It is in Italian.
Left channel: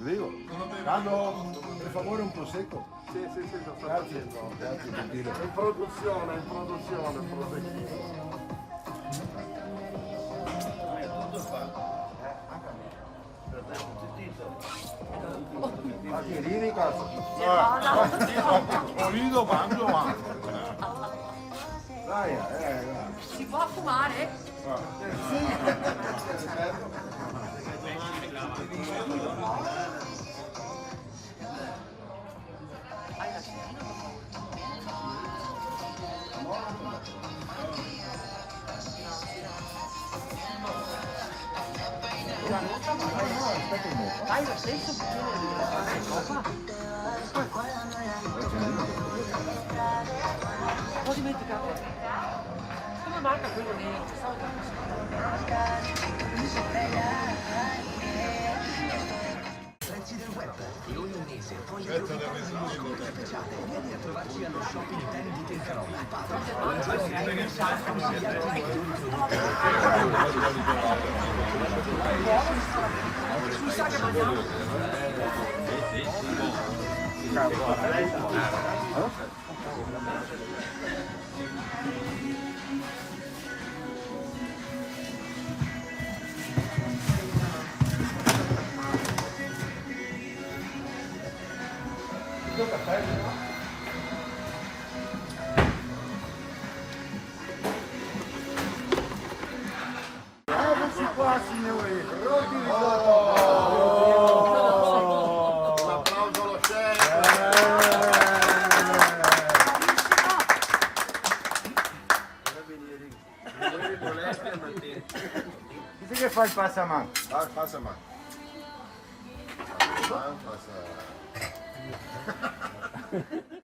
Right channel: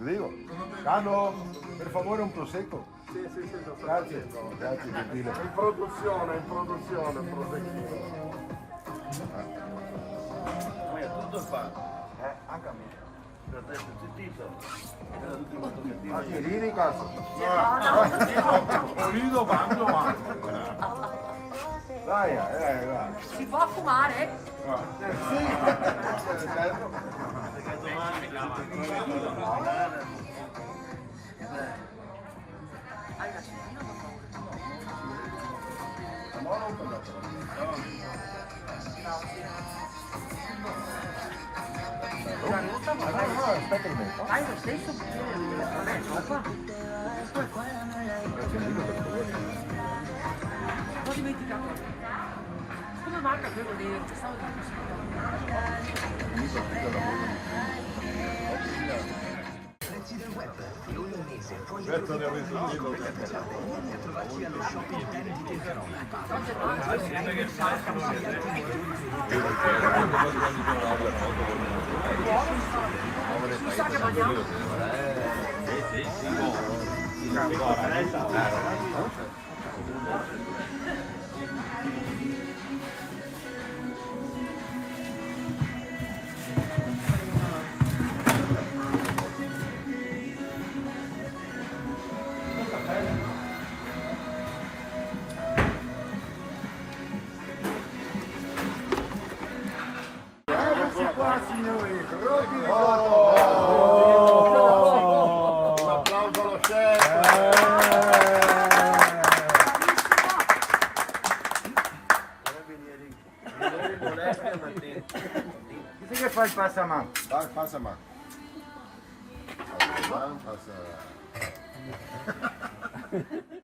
Dico, Carlo, per favore un prosecco. Sì, lo sto Grazie, facendo. grazie, gentile. In produzione il prosecchino. Tutto fa. Anche a me. Per te sentito. Ma che ridi cazzo? Olido mangio anche. Dai, dai. Si può fumare? Dai lo stesso bicchiere di vabbè, dopo. Ho dimenticato. Come manca quello nero? Prezzi del web, l'olandese, poi trovarci allo shopping pieno di Pietro. Mi sa che mangiamo. Eccoci qua signori, roti risotto. Un applauso allo chef. Chi che fa il passamano? Vai, passa mano. Passa.